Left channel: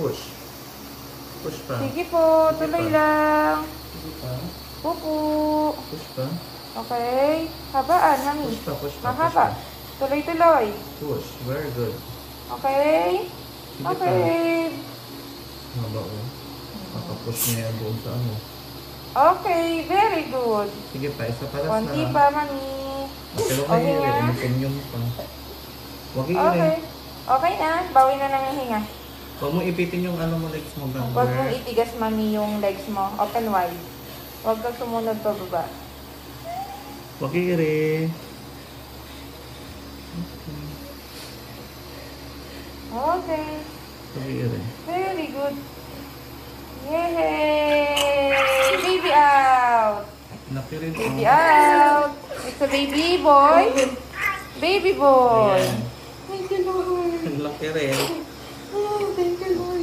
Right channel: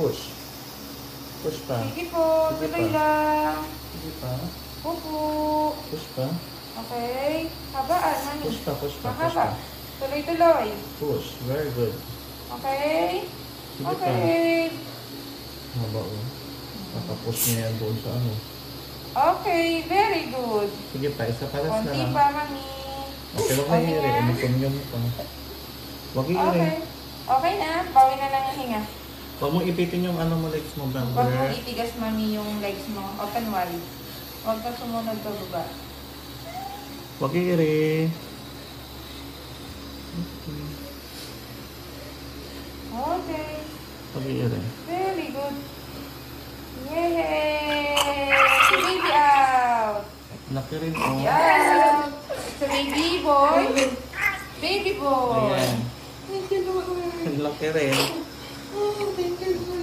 Push. Push pa. Sige po, Sige tuloy pa. lang. Sige pa. Opo. Push pa. Okay. Habaan, mami. Push pa, push pa, push Mahaba. pa. Tuloy-tuloy. Push. Very good. Okay. Sige pa. Okay. Haba o. Nakapush niya yan doon sa ano. Okay, very good. Sige pa, isa palas na Konti lang. pa, mami. Pero kay Okay Iri, na. umukunyong pa. Huwag Okay. i-Iri. Okay na. Bawi na ng hinga. Huwag mo ipitin yung ano mo legs mo, Huwag mo brother. itigas, mami, yung legs mo. Open wide. Huwag kang sumunod pa baba. Huwag i-Iri. Okay. Huwag i-Iri. Very good. Yay! Baby out! Laki rin o. Baby out! It's a baby boy. Baby boy. Ayan. Thank you, Lord. Laki rin. Oh, thank you, Lord.